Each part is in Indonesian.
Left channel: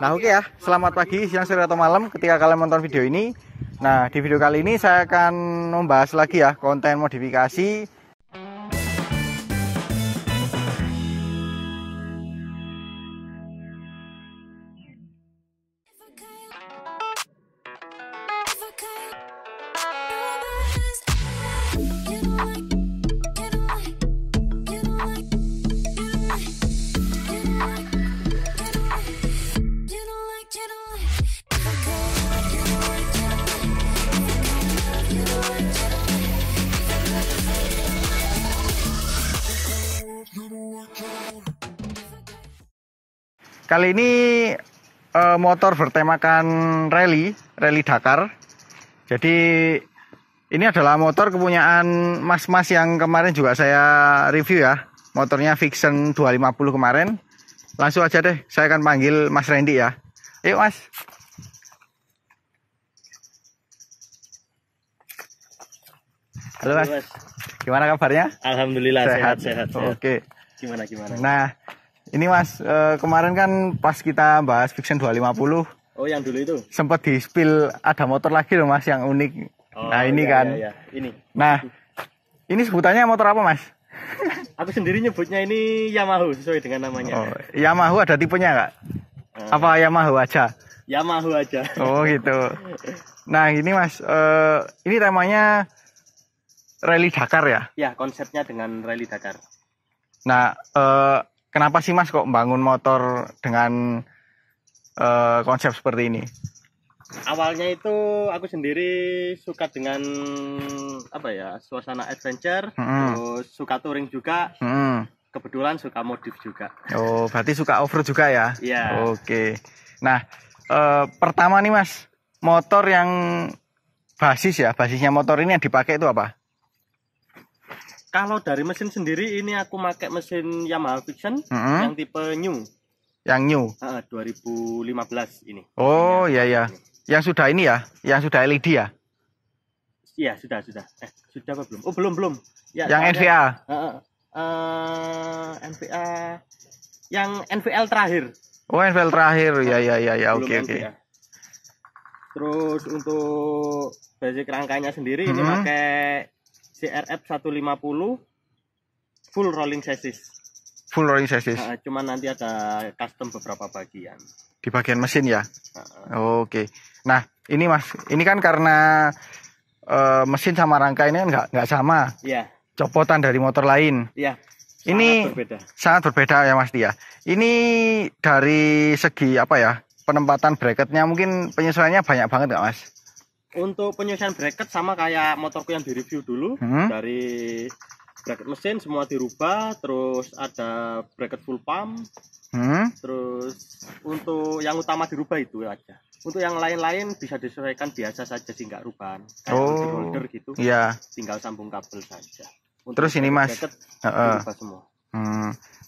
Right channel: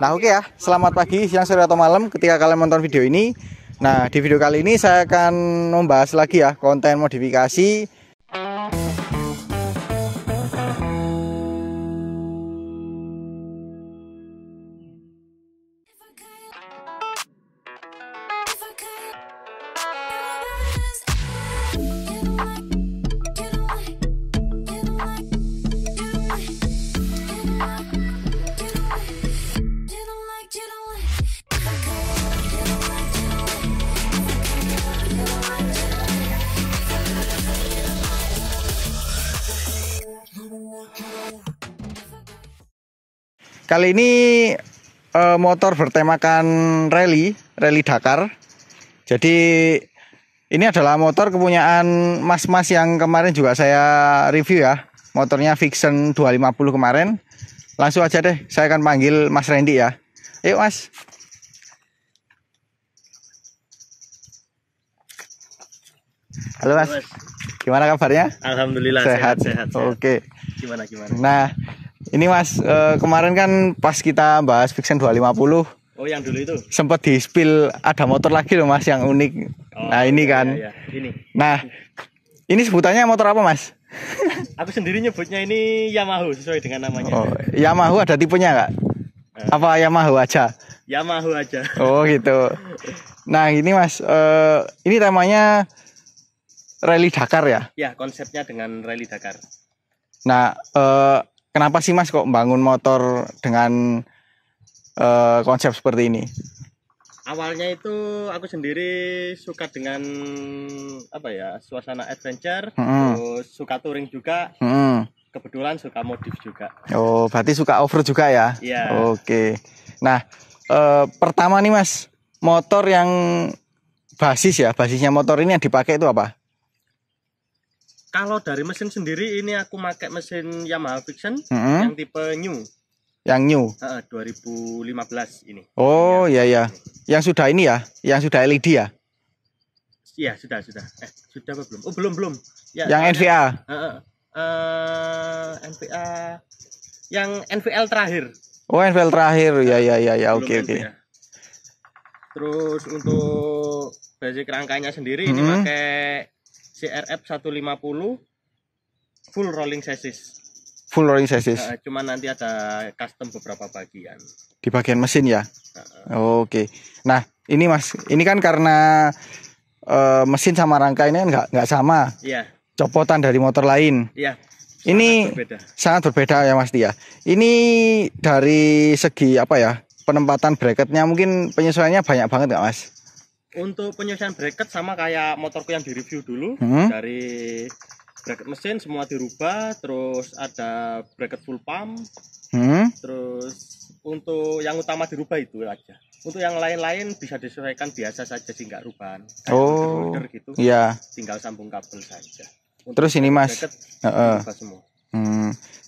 Nah oke ya, selamat pagi, siang, sore, atau malam ketika kalian menonton video ini. Nah di video kali ini saya akan membahas lagi ya konten modifikasi. Kali ini motor bertemakan rally Dakar. Jadi ini adalah motor kepunyaan mas-mas yang kemarin juga saya review ya. Motornya Vixen 250 kemarin. Langsung aja deh, saya akan panggil Mas Randy ya. Yuk Mas. Halo Mas. Gimana kabarnya? Alhamdulillah sehat. Oke. Gimana? Nah, ini Mas, kemarin kan pas kita bahas Vixen 250. Oh, yang dulu itu? Sempat di spill ada motor lagi loh Mas yang unik. Oh, nah ini iya, kan. iya. Ini. Nah, ini sebutannya motor apa Mas? Aku sendiri nyebutnya ini Yamaha sesuai dengan namanya. Oh, Yamaha ada tipenya nggak? Apa Yamaha aja? Yamaha aja. Oh gitu. Nah ini Mas, ini temanya Rally Dakar ya? Ya, konsepnya dengan Rally Dakar. Nah, kenapa sih Mas kok bangun motor dengan konsep seperti ini? Awalnya itu aku sendiri suka dengan suasana adventure, terus suka touring juga. Kebetulan suka modif juga. Oh, berarti suka off-road juga ya? Iya. Oke. Nah, pertama nih Mas, motor yang basisnya motor ini yang dipakai itu apa? Kalau dari mesin sendiri ini aku pakai mesin Yamaha Vixen yang tipe new. Yang new? 2015 ini. Oh iya. Yang sudah ini ya? Yang sudah LED ya? Iya, sudah. Sudah apa belum? Oh, belum. Ya, yang NVA? NVA yang NVL terakhir. Oh, NVL terakhir. Ya. Oke. Terus untuk basic rangkanya sendiri ini pakai CRF 150 full rolling chassis. Full rolling chassis. Cuman nanti ada custom beberapa bagian. Di bagian mesin ya. Oke. Nah, ini Mas, ini kan karena mesin sama rangka ini kan nggak sama. Iya. Copotan dari motor lain. Iya. Ini sangat berbeda ya Mas Tia. Ini dari segi apa ya? Penempatan bracketnya mungkin penyesuaiannya banyak banget nggak Mas? Untuk penyesuaian bracket sama kayak motorku yang direview dulu. Dari bracket mesin semua dirubah, terus ada bracket full pump. Terus untuk yang utama dirubah itu aja. Untuk yang lain-lain bisa disesuaikan biasa saja sih, nggak rubahan. Holder gitu. Iya. Tinggal sambung kabel saja. Untuk terus ini Mas, semua.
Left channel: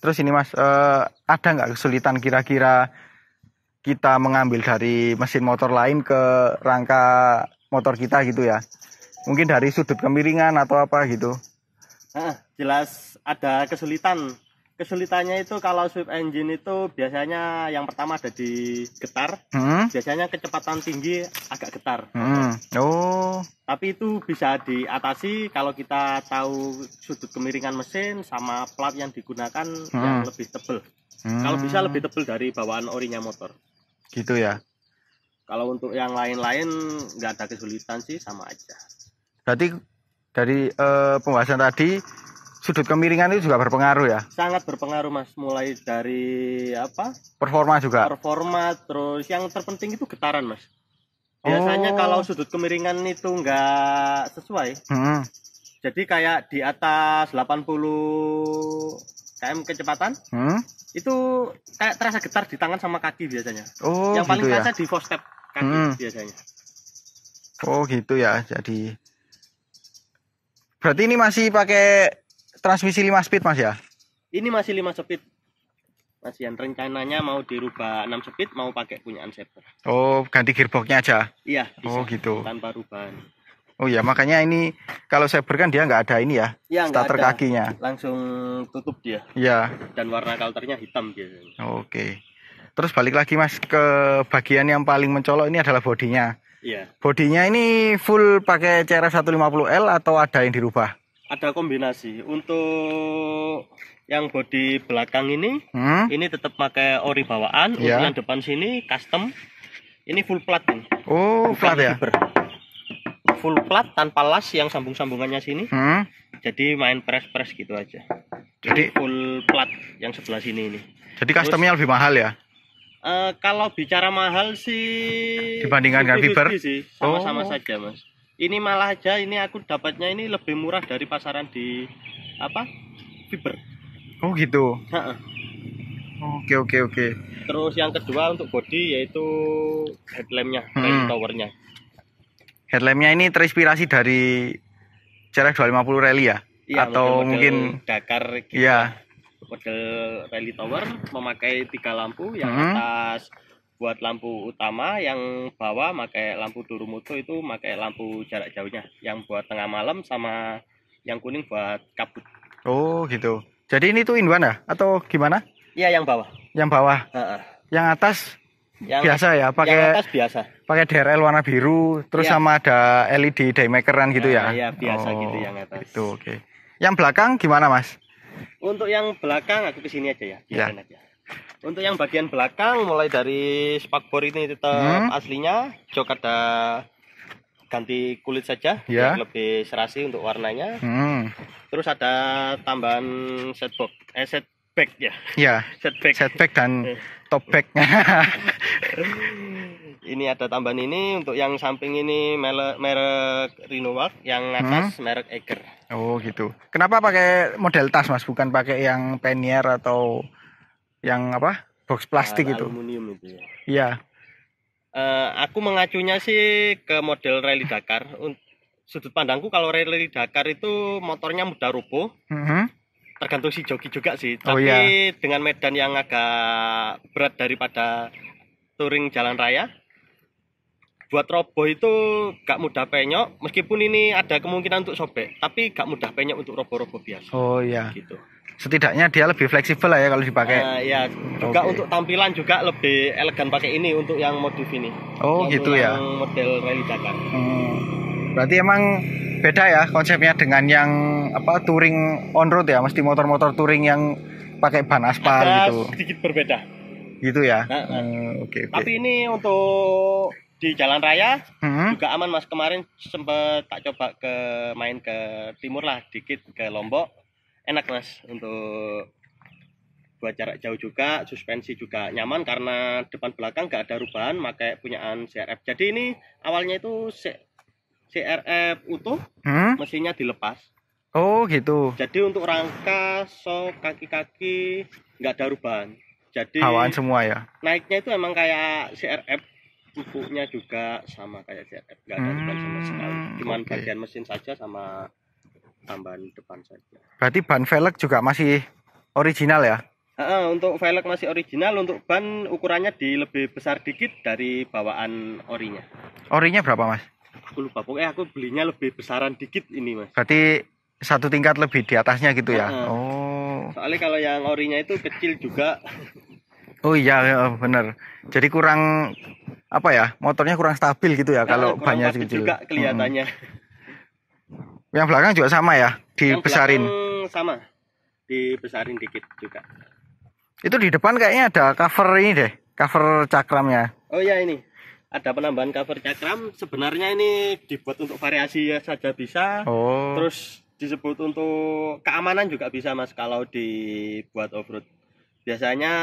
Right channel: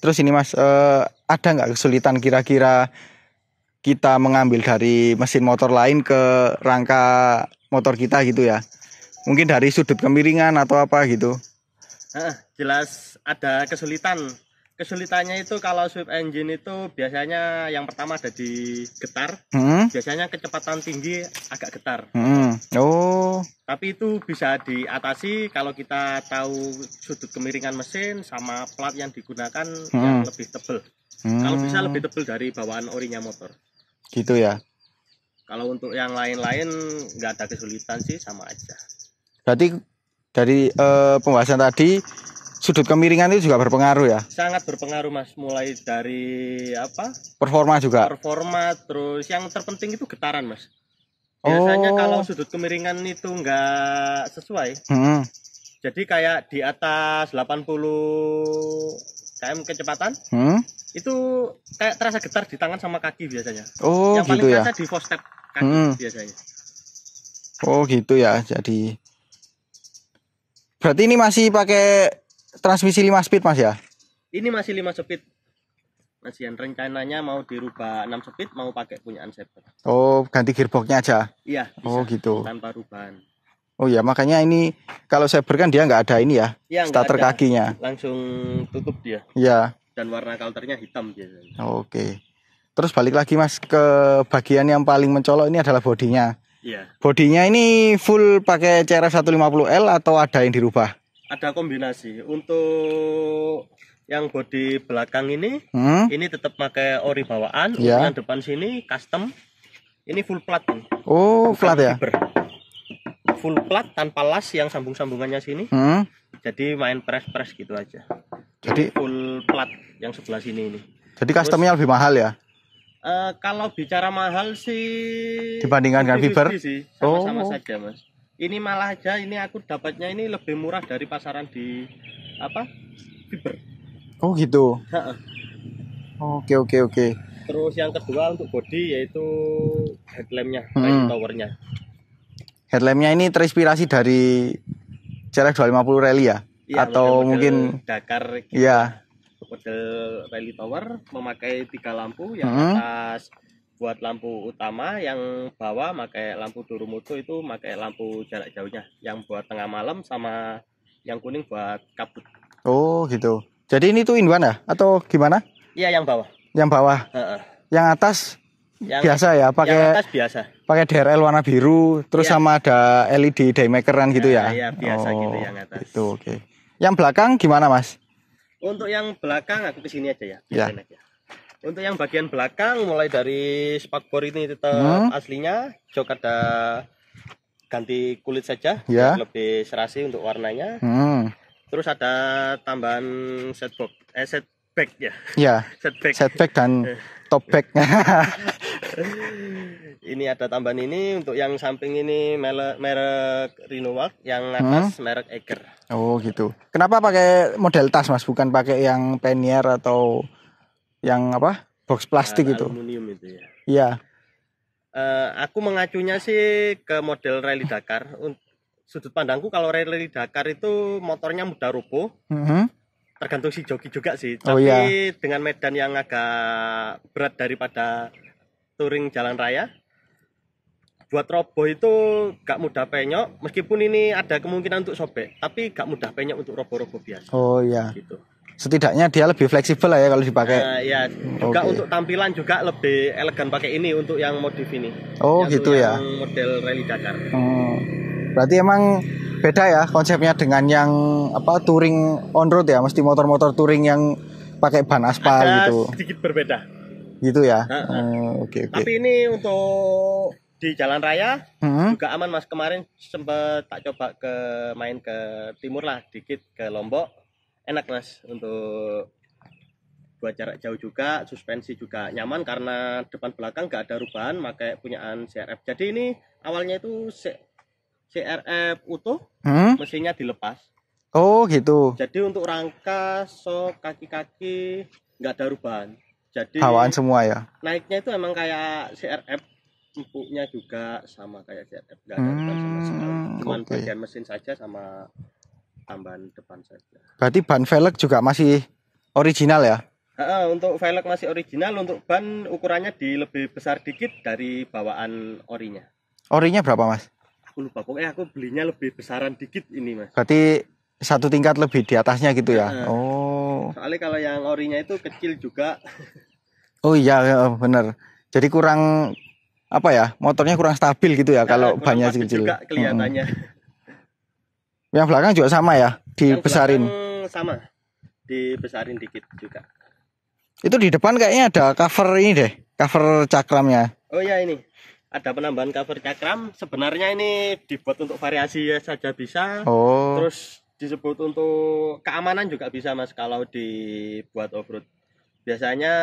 Terus ini Mas, ada nggak kesulitan kira-kira kita mengambil dari mesin motor lain ke rangka motor kita gitu ya? Mungkin dari sudut kemiringan atau apa gitu? Jelas ada kesulitan. Kesulitannya itu kalau sweep engine itu biasanya yang pertama ada di getar. Biasanya kecepatan tinggi agak getar. Oh. Tapi itu bisa diatasi kalau kita tahu sudut kemiringan mesin sama plat yang digunakan yang lebih tebal. Kalau bisa lebih tebal dari bawaan orinya motor. Gitu ya. Kalau untuk yang lain-lain nggak ada kesulitan sih, sama aja. Berarti dari pembahasan tadi sudut kemiringan itu juga berpengaruh ya? Sangat berpengaruh Mas, mulai dari performa juga? Performa, terus yang terpenting itu getaran Mas. Biasanya kalau sudut kemiringan itu nggak sesuai, jadi kayak di atas 80 km kecepatan, itu kayak terasa getar di tangan sama kaki biasanya. Oh, yang paling gitu terasa di footstep kaki biasanya. Oh gitu ya. Jadi berarti ini masih pakai transmisi 5 speed Mas ya? Ini masih 5 speed. Mas yang rencananya mau dirubah 6 speed, mau pakai punya Unsafer. Oh, ganti gearboxnya aja? Iya, bisa. Oh gitu. Tanpa rubahan. Oh ya, makanya ini kalau Saber kan dia nggak ada ini ya, starter kakinya. Langsung tutup dia. Iya. Dan warna kalternya hitam biasanya. Oke. Terus balik lagi Mas ke bagian yang paling mencolok, ini adalah bodinya. Iya. Bodinya ini full pakai CRF 150L atau ada yang dirubah? Ada kombinasi. Untuk yang bodi belakang ini tetap pakai ori bawaan. Untuk yang depan sini custom. Ini full plat nih. Oh, plat ya? Full plat tanpa las yang sambung-sambungannya sini. Jadi main press gitu aja. Jadi full plat yang sebelah sini ini. Jadi customnya lebih mahal ya? Kalau bicara mahal sih dibandingkan dengan fiber sih sama-sama saja Mas. Ini malah aja ini aku dapatnya ini lebih murah dari pasaran di fiber. Oh gitu. Oke. Terus yang kedua untuk body yaitu headlampnya, rally towernya. Headlampnya ini terinspirasi dari CRF 250 Rally ya? Iya, atau mungkin Dakar gitu. Iya. Model rally tower memakai 3 lampu, yang atas buat lampu utama, yang bawah pakai lampu Durumoto itu pakai lampu jarak jauhnya, yang buat tengah malam, sama yang kuning buat kabut. Oh gitu. Jadi ini tuh in one ya atau gimana? Iya, yang bawah. Yang bawah. Yang atas biasa ya, pakai yang atas biasa. Pakai DRL warna biru, terus sama ada LED daymakeran gitu ya. Iya, biasa gitu yang atas. Itu oke. Yang belakang gimana Mas? Untuk yang belakang aku kesini aja ya, biarin aja. Untuk yang bagian belakang mulai dari spakbor ini tetap aslinya, jok ada ganti kulit saja, biar lebih serasi untuk warnanya. Terus ada tambahan setback ya. Iya. Setback dan top back. Ini ada tambahan ini untuk yang samping ini merek Rhino-Walk, yang atas merek Eiger. Oh gitu. Kenapa pakai model tas Mas, bukan pakai yang pannier atau yang box plastik itu? Aluminium itu ya. Iya. Aku mengacunya sih ke model Rally Dakar. Sudut pandangku kalau Rally Dakar itu motornya mudah roboh. Tergantung si joki juga sih. Tapi dengan medan yang agak berat daripada touring jalan raya, buat roboh itu gak mudah penyok, meskipun ini ada kemungkinan untuk sobek, tapi gak mudah penyok untuk roboh-roboh biasa. Oh iya. Gitu. Setidaknya dia lebih fleksibel lah ya kalau dipakai. Iya, juga untuk tampilan juga lebih elegan pakai ini untuk yang modif ini. Oh yang gitu ya. Yang model Rally Dakar. Berarti emang beda ya konsepnya dengan yang touring on road ya, mesti motor-motor touring yang pakai ban aspal gitu. Sedikit berbeda. Gitu ya. Oke. Tapi ini untuk di jalan raya juga aman Mas. Kemarin sempat tak coba main ke timur lah dikit, ke Lombok. Enak Mas untuk buat jarak jauh juga. Suspensi juga nyaman karena depan belakang gak ada rubahan, pakai punyaan CRF. Jadi ini awalnya itu CRF utuh, mesinnya dilepas. Oh gitu. Jadi untuk rangka, sok, kaki-kaki gak ada rubahan. Jadi bawaan semua ya. Naiknya itu emang kayak CRF. Empuknya juga sama kayak CRF, nggak ada rubahan sama sekali. Cuman bagian mesin saja sama tambahan depan saja. Berarti ban velg juga masih original ya? Untuk velg masih original, untuk ban ukurannya lebih besar dikit dari bawaan orinya. Orinya berapa Mas? Aku lupa, pokoknya aku belinya lebih besaran dikit ini Mas. Berarti satu tingkat lebih di atasnya gitu ya? Soalnya kalau yang orinya itu kecil juga. Oh iya bener. Jadi kurang motornya kurang stabil gitu ya kalau bannya kecil. Juga kelihatannya. Yang belakang juga sama ya, dibesarin. Sama, dibesarin dikit juga. Itu di depan kayaknya ada cover ini deh, cover cakramnya. Oh ya, ini ada penambahan cover cakram. Sebenarnya ini dibuat untuk variasi saja bisa. Terus disebut untuk keamanan juga bisa Mas kalau dibuat off-road. Biasanya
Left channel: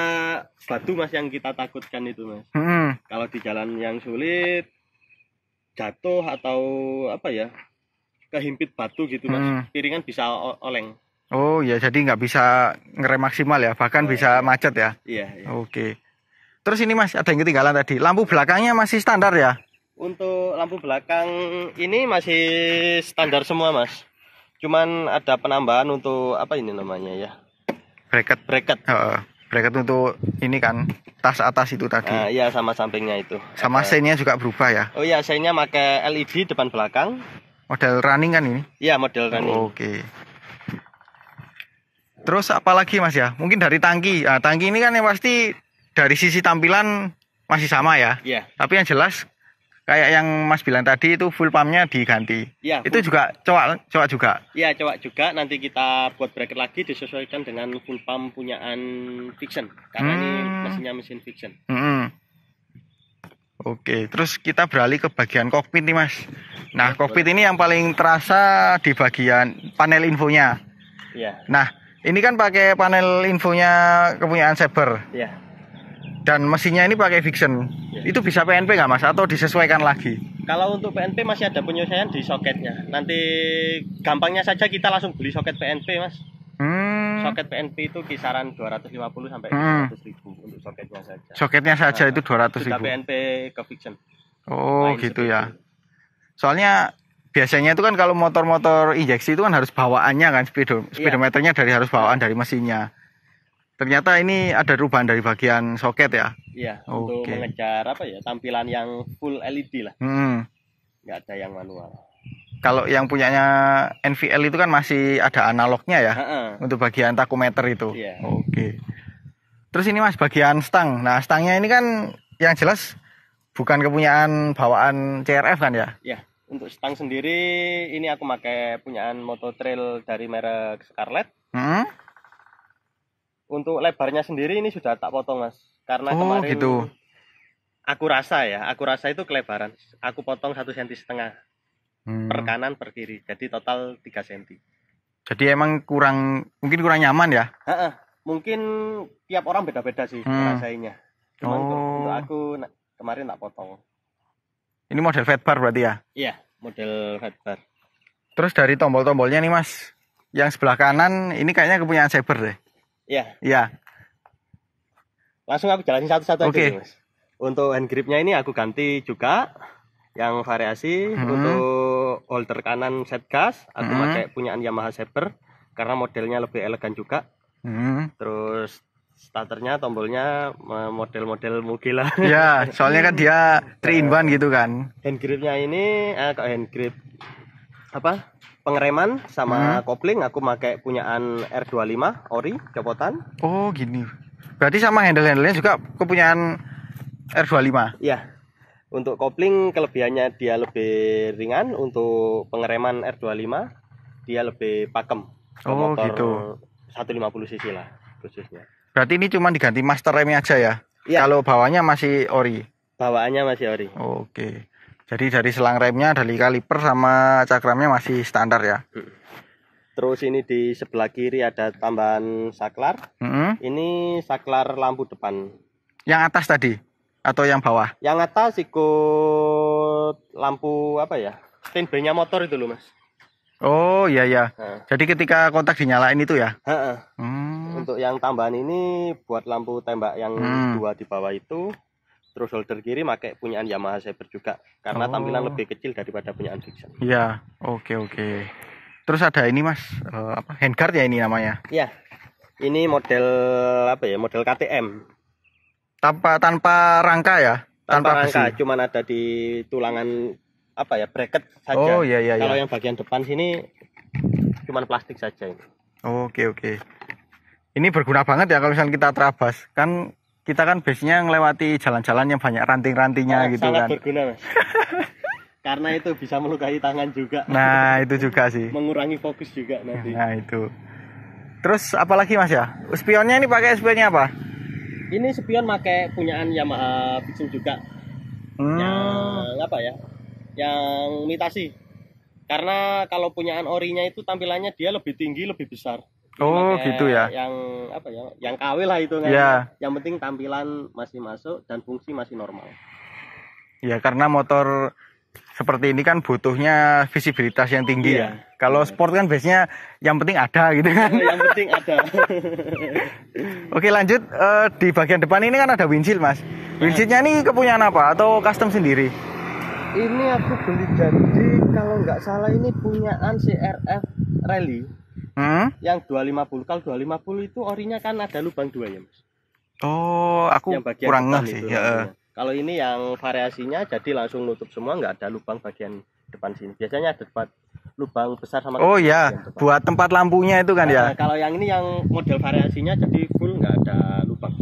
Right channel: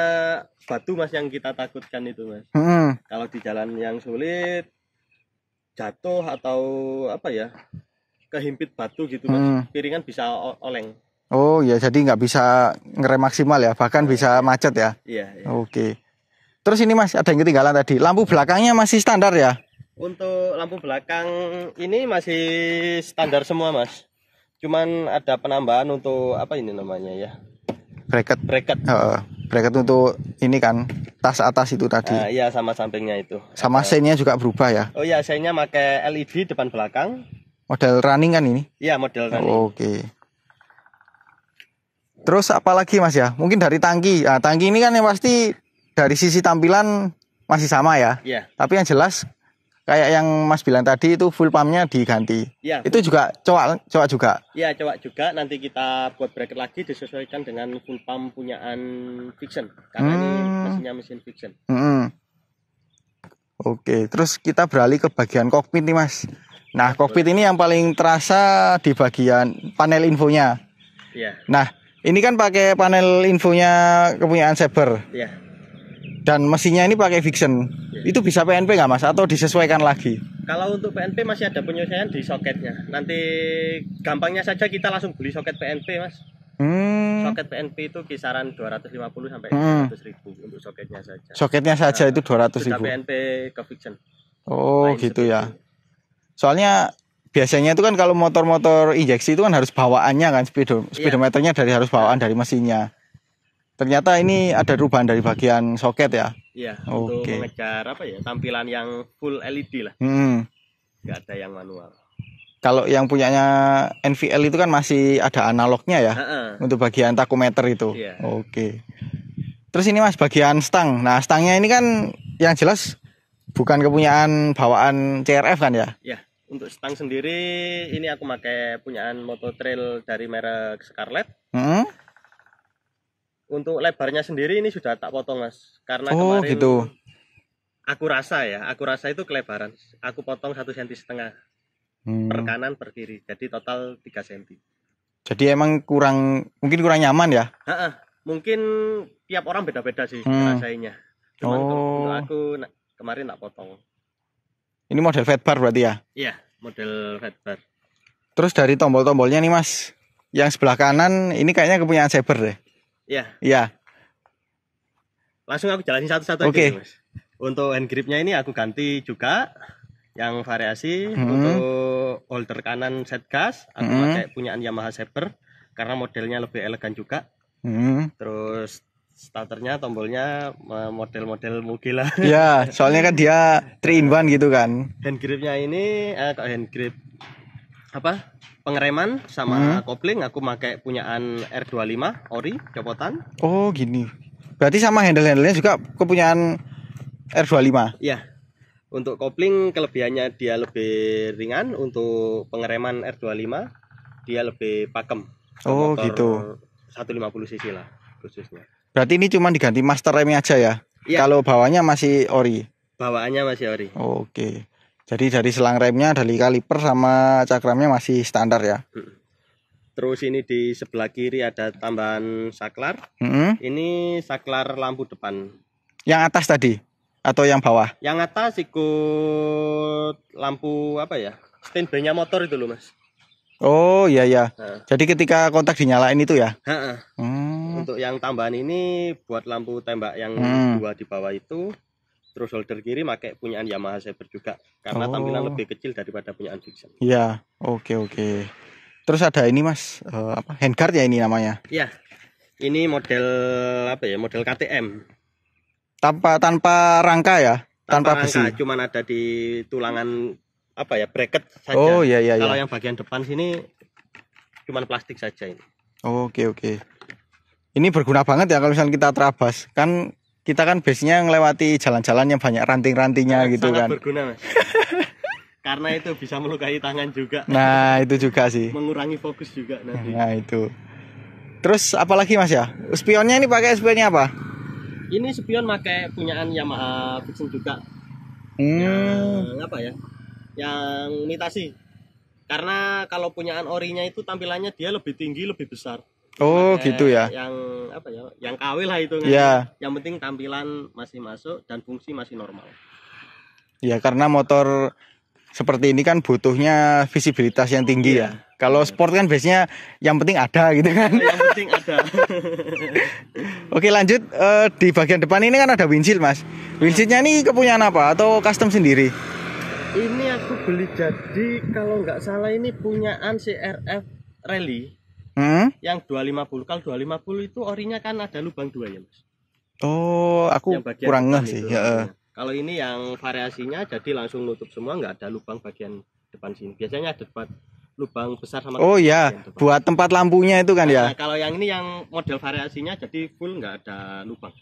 batu Mas yang kita takutkan itu Mas. Kalau di jalan yang sulit jatuh atau kehimpit batu gitu Mas, piringan bisa oleng. Oh ya, jadi nggak bisa ngerem maksimal ya, bahkan bisa macet ya. Iya. Oke. Terus ini Mas, ada yang ketinggalan tadi, lampu belakangnya masih standar ya? Untuk lampu belakang ini masih standar semua Mas. Cuman ada penambahan untuk ini namanya ya? Bracket. Bracket untuk ini kan, tas atas itu tadi. Iya, sama sampingnya itu. Sama seinnya juga berubah ya? Oh iya, seinnya pakai LED depan belakang. Model running kan ini? Iya, model running. Oke. Terus apa lagi Mas ya? Mungkin dari tangki. Tangki ini kan yang pasti dari sisi tampilan masih sama ya. Iya. Tapi yang jelas kayak yang Mas bilang tadi itu full pumpnya diganti. Iya. Itu juga cowok juga. Iya, cowok juga. Nanti kita buat bracket lagi disesuaikan dengan full pump punyaan Vixion. Karena ini mesinnya mesin Vixion. Oke, terus kita beralih ke bagian kokpit nih Mas. Nah, kokpit ini yang paling terasa di bagian panel infonya. Iya. Nah, ini kan pakai panel infonya kepunyaan Saber. Iya. Dan mesinnya ini pakai Vixion. Ya. Itu bisa PNP nggak Mas? Atau disesuaikan lagi? Kalau untuk PNP masih ada penyesuaian di soketnya. Nanti gampangnya saja kita langsung beli soket PNP Mas. Soket PNP itu kisaran 250 sampai 100.000 untuk soketnya saja. Soketnya saja itu 200.000. PNP ke Vixion. Oh gitu ya. Soalnya biasanya itu kan kalau motor-motor injeksi itu kan harus bawaannya kan speedometernya harus bawaan dari mesinnya. Ternyata ini ada perubahan dari bagian soket ya. Iya, untuk mengejar tampilan yang full LED lah. Nggak ada yang manual. Kalau yang punyanya NVL itu kan masih ada analognya ya. Untuk bagian takometer itu. Iya. Oke. Terus ini Mas bagian stang. Nah, stangnya ini kan yang jelas bukan kepunyaan bawaan CRF kan ya? Iya. Untuk stang sendiri ini aku pakai punyaan Mototrail dari merek Scarlett. Untuk lebarnya sendiri ini sudah tak potong Mas. Karena kemarin gitu. Aku rasa itu kelebaran. Aku potong 1,5 cm per kanan per kiri. Jadi total 3 cm. Jadi emang mungkin kurang nyaman ya? Mungkin tiap orang beda-beda sih rasanya. Cuman untuk aku kemarin tak potong. Ini model fatbar berarti ya? Iya, model fatbar. Terus dari tombol-tombolnya nih Mas, yang sebelah kanan ini kayaknya kepunyaan Saber deh. Iya. Langsung aku jalanin satu-satu aja Mas. Untuk hand gripnya ini aku ganti juga yang variasi. Untuk holder kanan set gas aku pakai punyaan Yamaha Saber karena modelnya lebih elegan juga. Terus starternya, tombolnya model-model Mugi lah. Ya, soalnya kan dia 3-in-1 gitu kan. Hand gripnya ini hand grip pengereman sama kopling aku pakai punyaan R25 ori copotan. Oh gini. Berarti sama handle-handlenya juga kepunyaan R25. Iya. Untuk kopling kelebihannya dia lebih ringan, untuk pengereman R25 dia lebih pakem. Oh gitu. 150 cc lah khususnya. Berarti ini cuma diganti master remnya aja ya? Iya. Kalau bawahnya masih ori. Bawaannya masih ori. Oke. Jadi dari selang remnya, dari kaliper sama cakramnya masih standar ya. Terus ini di sebelah kiri ada tambahan saklar. Ini saklar lampu depan. Yang atas tadi atau yang bawah? Yang atas ikut lampu standby-nya motor itu loh Mas. Oh iya. Jadi ketika kontak dinyalain itu ya? Untuk yang tambahan ini buat lampu tembak yang dua di bawah itu. Terus holder kiri pakai punyaan Yamaha Saber juga karena tampilan lebih kecil daripada punyaan Vixion. Iya, oke. Terus ada ini Mas, handguard ya ini namanya? Iya. Ini model model KTM. Tanpa rangka ya? Tanpa besi. Cuman ada di tulangan bracket saja. Oh iya. Kalau yang bagian depan sini cuman plastik saja ini. Oke. Ini berguna banget ya kalau misalnya kita terabas. Kan kita kan biasanya ngelewati jalan-jalan yang banyak ranting-rantingnya gitu kan. Sangat berguna Mas. Karena itu bisa melukai tangan juga. Nah itu juga sih. Mengurangi fokus juga nanti. Nah itu. Terus apalagi Mas ya? Spionnya ini pakai spionnya apa? Ini spion pakai punyaan Yamaha Vixion juga. Yang yang imitasi. Karena kalau punyaan orinya itu tampilannya dia lebih tinggi, lebih besar. Oh gitu ya. Yang KW lah itu kan. Yeah. Yang penting tampilan masih masuk dan fungsi masih normal. Ya karena motor seperti ini kan butuhnya visibilitas yang tinggi ya. Kalau sport kan biasanya yang penting ada gitu kan. Yang penting ada. Oke lanjut, di bagian depan ini kan ada windshield Mas. Windshieldnya ini kepunyaan apa atau custom sendiri? Ini aku beli jadi kalau nggak salah ini punyaan CRF Rally. Yang 250. Kalau 250 itu orinya kan ada lubang 2 ya Mas. Oh aku kurang ngeh sih ya. Kalau ini yang variasinya jadi langsung nutup semua, nggak ada lubang bagian depan sini. Biasanya ada lubang besar sama oh ya, buat tempat lampunya itu kan ya. Kalau yang ini yang model variasinya jadi full nggak ada lubang.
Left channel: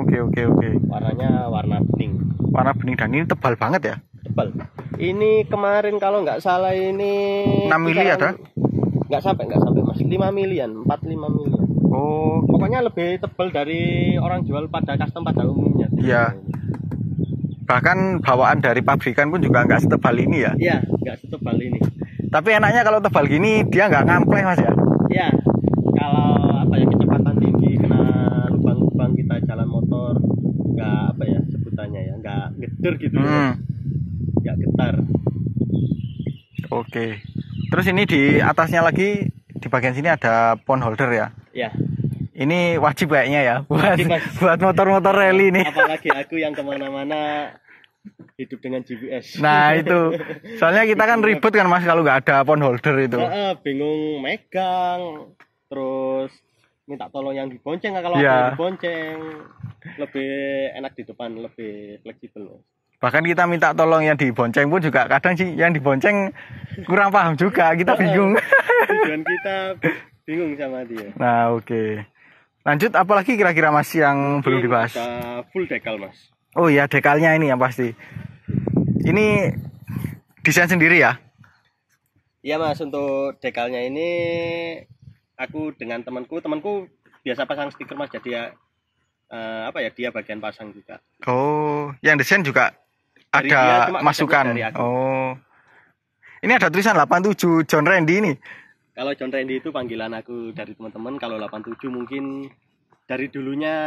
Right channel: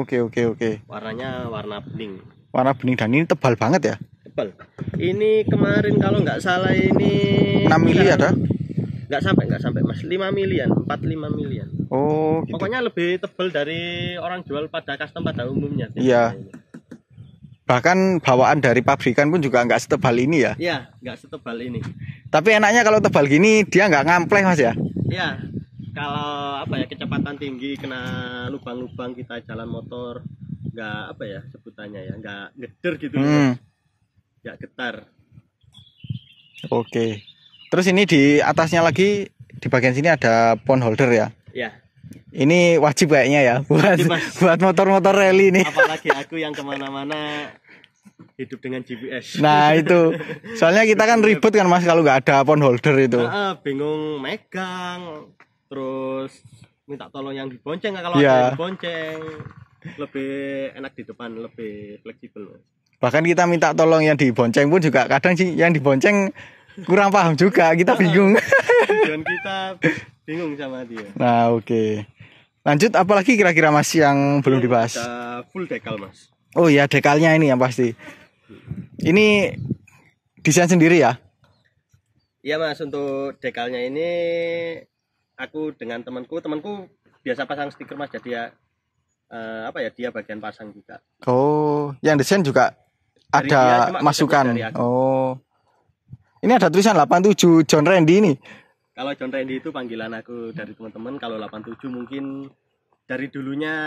Oke. Warnanya warna bening. Warna bening dan ini tebal banget ya. Tebal. Ini kemarin kalau nggak salah ini 6 mili ada? Nggak sampai Mas, 5 milian, 4-5 milian. Oh gitu. Pokoknya lebih tebal dari orang jual pada custom pada umumnya. Iya. Bahkan bawaan dari pabrikan pun juga nggak setebal ini ya. Iya, nggak setebal ini. Tapi enaknya kalau tebal gini dia nggak ngampleng Mas ya. Iya. Kalau apa ya, kecepatan tinggi kena lubang-lubang kita jalan motor nggak apa ya sebutannya ya, nggak geder gitu ya. Nggak getar. Oke. Terus ini di atasnya lagi di bagian sini ada pond holder ya. Iya. Ini wajib kayaknya ya buat motor-motor rally nih. Apalagi aku yang kemana-mana hidup dengan GPS. Nah itu, soalnya kita kan ribet kan Mas kalau nggak ada pond holder itu. Bingung megang, terus minta tolong yang dibonceng. Kalau ada yang dibonceng lebih enak di depan, lebih fleksibel. Bahkan kita minta tolong yang dibonceng pun juga kadang sih yang dibonceng kurang paham juga, kita bingung. Dan kita bingung sama dia. Nah oke. Lanjut, apalagi kira-kira Mas yang belum dibahas? Ada full dekal Mas. Oh iya, dekalnya ini yang pasti. Ini desain sendiri ya? Iya Mas, untuk dekalnya ini aku dengan temanku biasa pasang stiker Mas, jadi ya dia bagian pasang juga. Oh, yang desain juga dari ada masukan. Oh. Ini ada tulisan 87 John Randy ini. Kalau John Randy itu panggilan aku dari teman-teman. Kalau 87 mungkin dari dulunya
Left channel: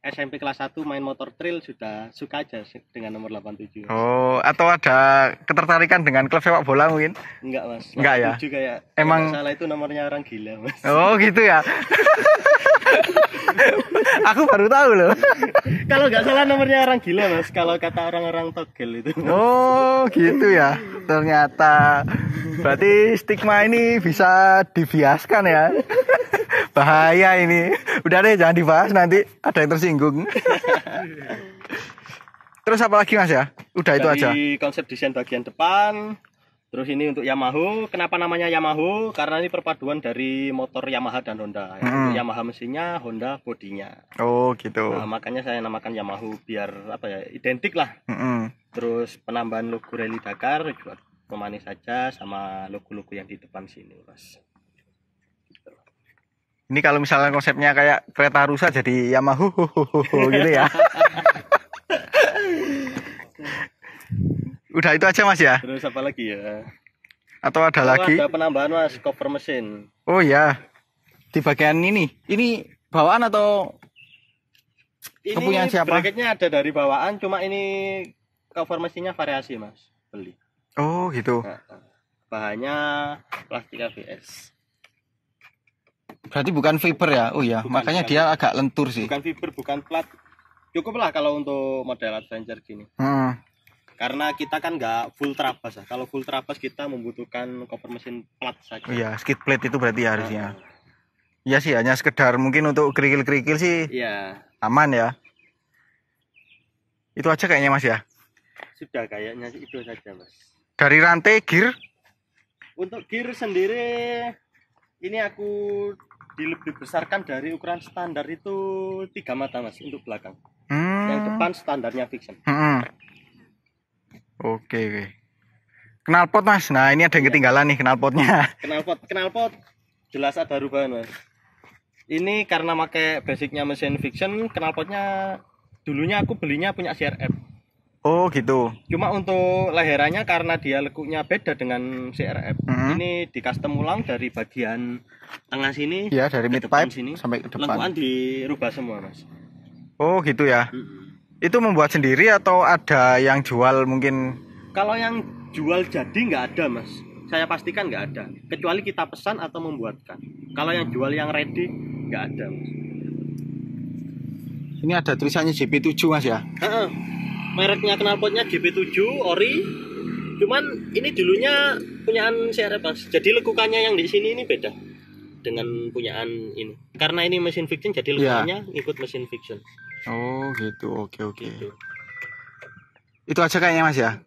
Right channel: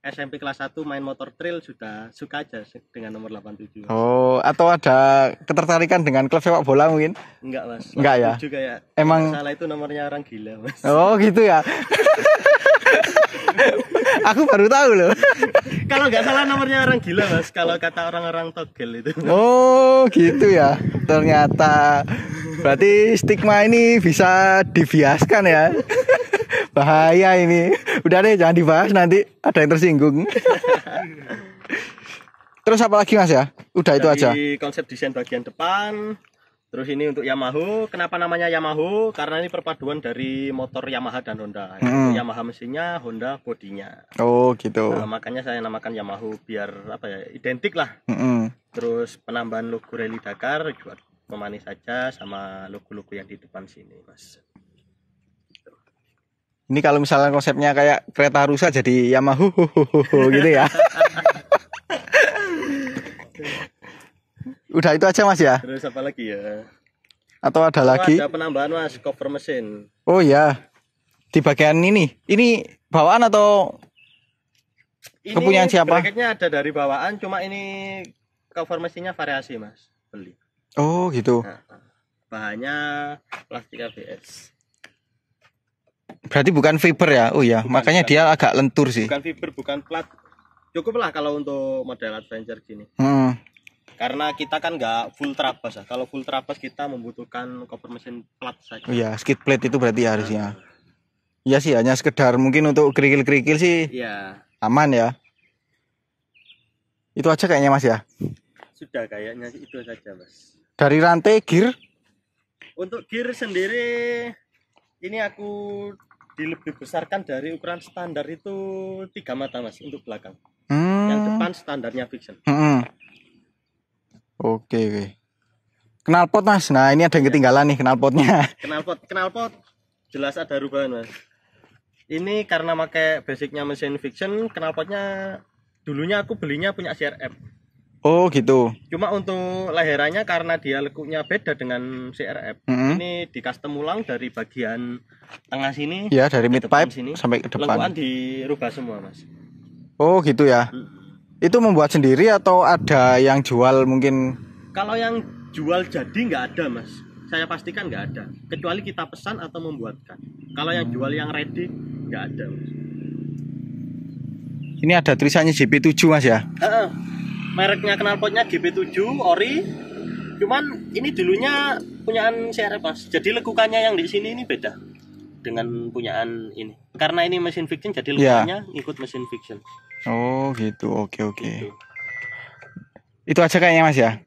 SMP kelas 1 main motor trail sudah suka aja dengan nomor 87. Oh, atau ada ketertarikan dengan klub sepak bola mungkin? Enggak Mas. Enggak ya? Kayak emang salah itu nomornya orang gila Mas. Oh gitu ya. Aku baru tahu loh. Kalau nggak salah nomornya orang gila Mas, kalau kata orang-orang togel itu. Oh gitu ya. Ternyata berarti stigma ini bisa dibiaskan ya. Bahaya ini. Udah deh, jangan dibahas, nanti ada yang tersinggung. Terus apa lagi Mas ya? Udah itu aja. Dari konsep desain bagian depan. Terus ini untuk Yamaha. Kenapa namanya Yamaha? Karena ini perpaduan dari motor Yamaha dan Honda. Untuk Yamaha mesinnya, Honda bodinya. Oh gitu. Nah, makanya saya namakan Yamaha biar apa ya, identik lah. Terus penambahan logo Rally Dakar juga pemanis saja sama logo-logo yang di depan sini Mas. Ini kalau misalnya konsepnya kayak kereta rusa jadi Yamaha gitu ya. Udah itu aja Mas ya? Terus apa lagi ya? Atau ada lagi? Ada penambahan Mas, cover mesin. Oh ya. Di bagian ini bawaan atau ini kepunyaan siapa? Bracketnya ada dari bawaan, cuma ini cover mesinnya variasi Mas, beli. Oh gitu. Nah, bahannya plastik ABS. Berarti bukan fiber ya? Oh ya, makanya dia agak lentur sih. Bukan fiber, bukan plat. Cukup lah kalau untuk model adventure gini. Karena kita kan nggak full trabas ya. Kalau full trabas kita membutuhkan cover mesin plat saja. Iya, skid plate itu berarti harusnya. Iya sih, hanya sekedar mungkin untuk kerikil-kerikil sih. Iya. Aman ya. Itu aja kayaknya Mas ya. Sudah kayaknya itu saja Mas. Dari rantai gear? Untuk gear sendiri ini aku dilebih besarkan dari ukuran standar itu 3 mata Mas untuk belakang. Yang depan standarnya fiction. Oke. Knalpot Mas. Nah, ini ada yang ketinggalan nih knalpotnya. Knalpot jelas ada perubahan Mas. Ini karena pakai basicnya mesin fiction, knalpotnya dulunya aku belinya punya CRF. Oh gitu. Cuma untuk leherannya karena dia lekuknya beda dengan CRF. Ini di custom ulang dari bagian tengah sini. Ya, dari mid pipe sini, sampai ke depan. lekukan dirubah semua Mas. Oh gitu ya. Itu membuat sendiri atau ada yang jual mungkin? Kalau yang jual jadi nggak ada Mas. Saya pastikan nggak ada. Kecuali kita pesan atau membuatkan. Kalau yang jual yang ready nggak ada Mas. Ini ada tulisannya JP7 Mas ya? Mereknya knalpotnya JP7 ori. Cuman ini dulunya punyaan CRF Mas. Jadi lekukannya yang di sini ini beda dengan punyaan ini. Karena ini mesin fiction jadi lekukannya ikut mesin fiction. Oh gitu, oke. Gitu. Itu aja kayaknya Mas ya?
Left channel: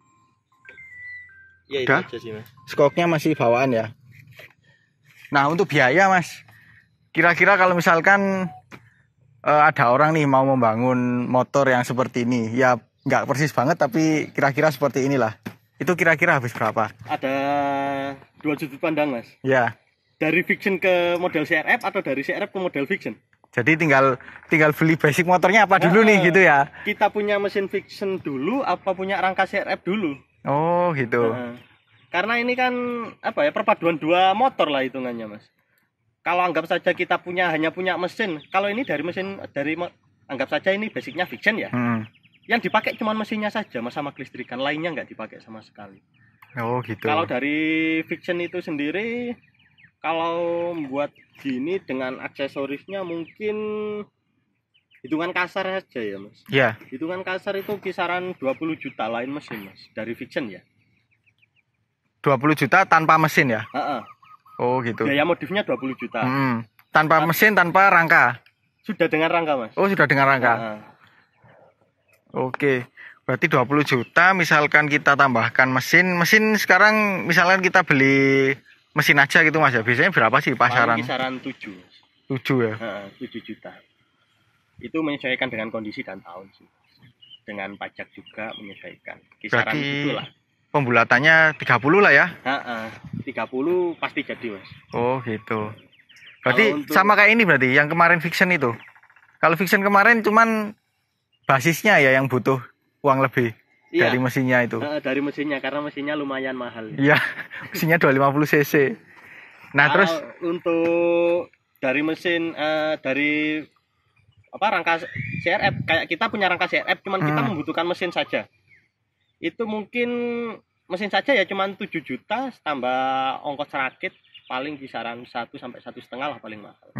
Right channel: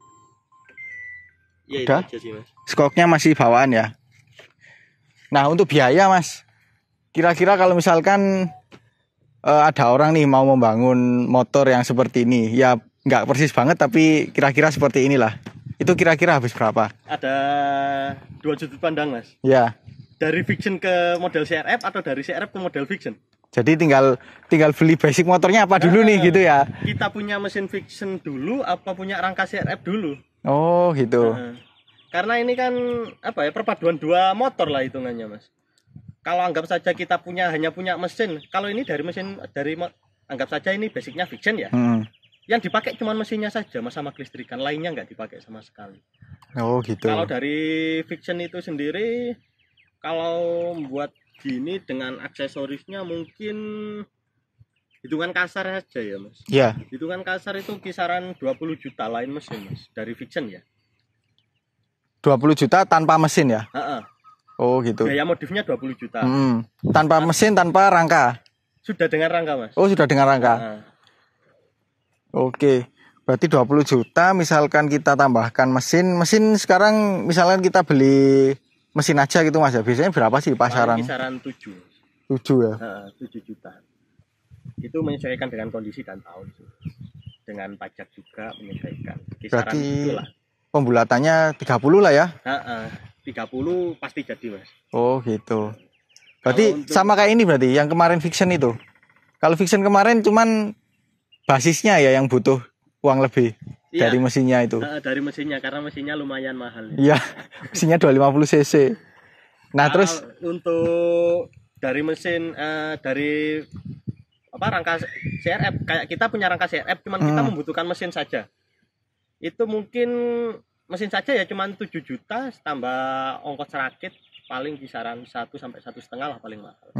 Iya, udah. itu aja sih, Mas. Skoknya masih bawaan ya. Nah, untuk biaya, Mas. Kira-kira kalau misalkan ada orang nih mau membangun motor yang seperti ini, ya nggak persis banget tapi kira-kira seperti inilah. Itu kira-kira habis berapa? Ada 2 sudut pandang, Mas. Ya. Dari fiction ke model CRF atau dari CRF ke model fiction? Jadi tinggal beli basic motornya apa dulu nih gitu ya. Kita punya mesin fiction dulu apa punya rangka CRF dulu? Oh, gitu. Karena ini kan apa ya, perpaduan 2 motor lah hitungannya, Mas. Kalau anggap saja kita hanya punya mesin, kalau ini anggap saja ini basicnya fiction ya. Yang dipakai cuma mesinnya saja, Mas, sama kelistrikan, lainnya nggak dipakai sama sekali. Oh, gitu. Kalau dari fiction itu sendiri, kalau buat gini dengan aksesorisnya mungkin hitungan kasar saja ya, Mas. Iya. Hitungan kasar itu kisaran 20 juta lain mesin, Mas, dari fiction ya. 20 juta tanpa mesin ya? Oh, gitu. Biaya modifnya 20 juta. Tanpa mesin, tanpa rangka? Sudah dengan rangka, Mas. Oh, sudah dengan rangka. Oke. Berarti 20 juta misalkan kita tambahkan mesin sekarang misalkan kita beli mesin aja gitu, Mas ya. Biasanya berapa sih pasaran? Kisaran 7. 7 ya? 7 juta. Itu menyesuaikan dengan kondisi dan tahun sih. Dengan pajak juga menyesuaikan. Kisaran berarti itulah. Pembulatannya 30 lah ya? 30 pasti jadi, Mas. Oh, gitu. Berarti sama kayak ini berarti yang kemarin fiction itu. Kalau fiction kemarin cuman basisnya ya yang butuh uang lebih dari mesinnya itu. Dari mesinnya karena mesinnya lumayan mahal. Iya, mesinnya 250 cc. Nah, terus untuk dari mesin dari rangka CRF, kayak kita punya rangka CRF cuman kita membutuhkan mesin saja. Itu mungkin mesin saja ya cuman 7 juta tambah ongkos rakit paling kisaran 1 sampai 1,5 lah paling mahal.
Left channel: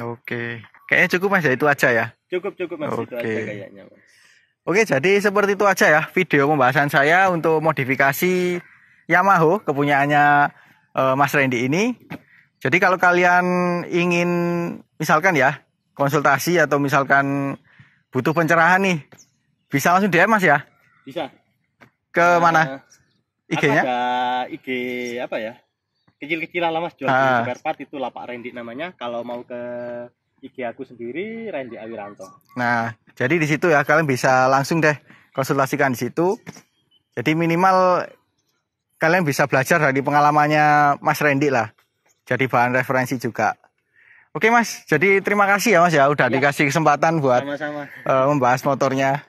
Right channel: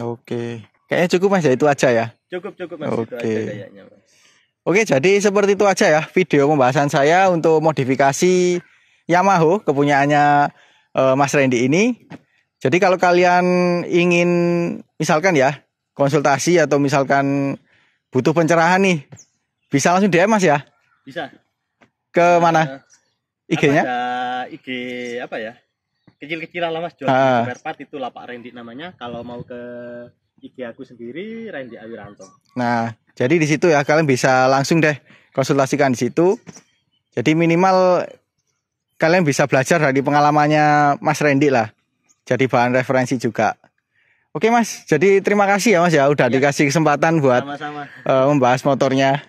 Oke. Kayaknya cukup, Mas ya, itu aja ya. Cukup Mas, itu aja kayaknya, Mas. Oke, jadi seperti itu aja ya video pembahasan saya untuk modifikasi Yamaha kepunyaannya Mas Randy ini. Jadi kalau kalian ingin misalkan ya konsultasi atau misalkan butuh pencerahan nih, bisa langsung DM, Mas ya? Bisa. Ke mana? IG-nya? Ada IG apa ya? Kecil-kecilan lah, Mas, jual spare part, itu Lapak Randy namanya. Kalau mau ke IG aku sendiri Randy Awiranto. Nah, jadi di situ ya kalian bisa langsung deh konsultasikan di situ. Jadi minimal kalian bisa belajar dari pengalamannya Mas Randy lah. Jadi bahan referensi juga. Oke, Mas, jadi terima kasih ya, Mas ya udah dikasih kesempatan buat membahas motornya.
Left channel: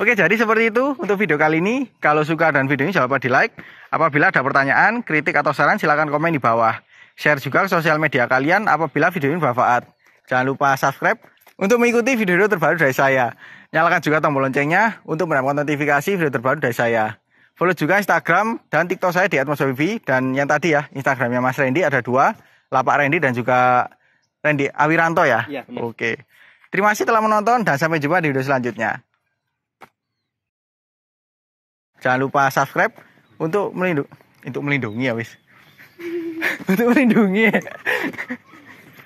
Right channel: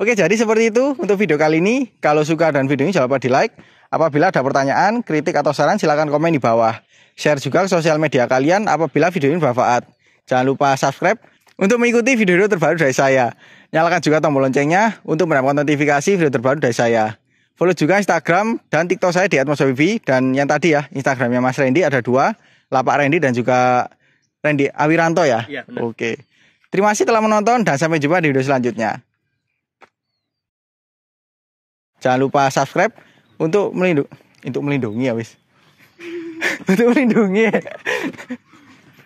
Oke, jadi seperti itu untuk video kali ini. Kalau suka dan video ini jangan lupa di like. Apabila ada pertanyaan, kritik atau saran silahkan komen di bawah. Share juga ke sosial media kalian apabila video ini bermanfaat. Jangan lupa subscribe untuk mengikuti video terbaru dari saya. Nyalakan juga tombol loncengnya untuk mendapatkan notifikasi video terbaru dari saya. Follow juga Instagram dan TikTok saya di @mas_wifi. Dan yang tadi ya, Instagramnya Mas Randy ada 2, Lapak Randy dan juga Randy Awiranto ya. Iya, benar. Oke. Terima kasih telah menonton dan sampai jumpa di video selanjutnya. Jangan lupa subscribe untuk melindungi ya, wis. Untuk melindungi.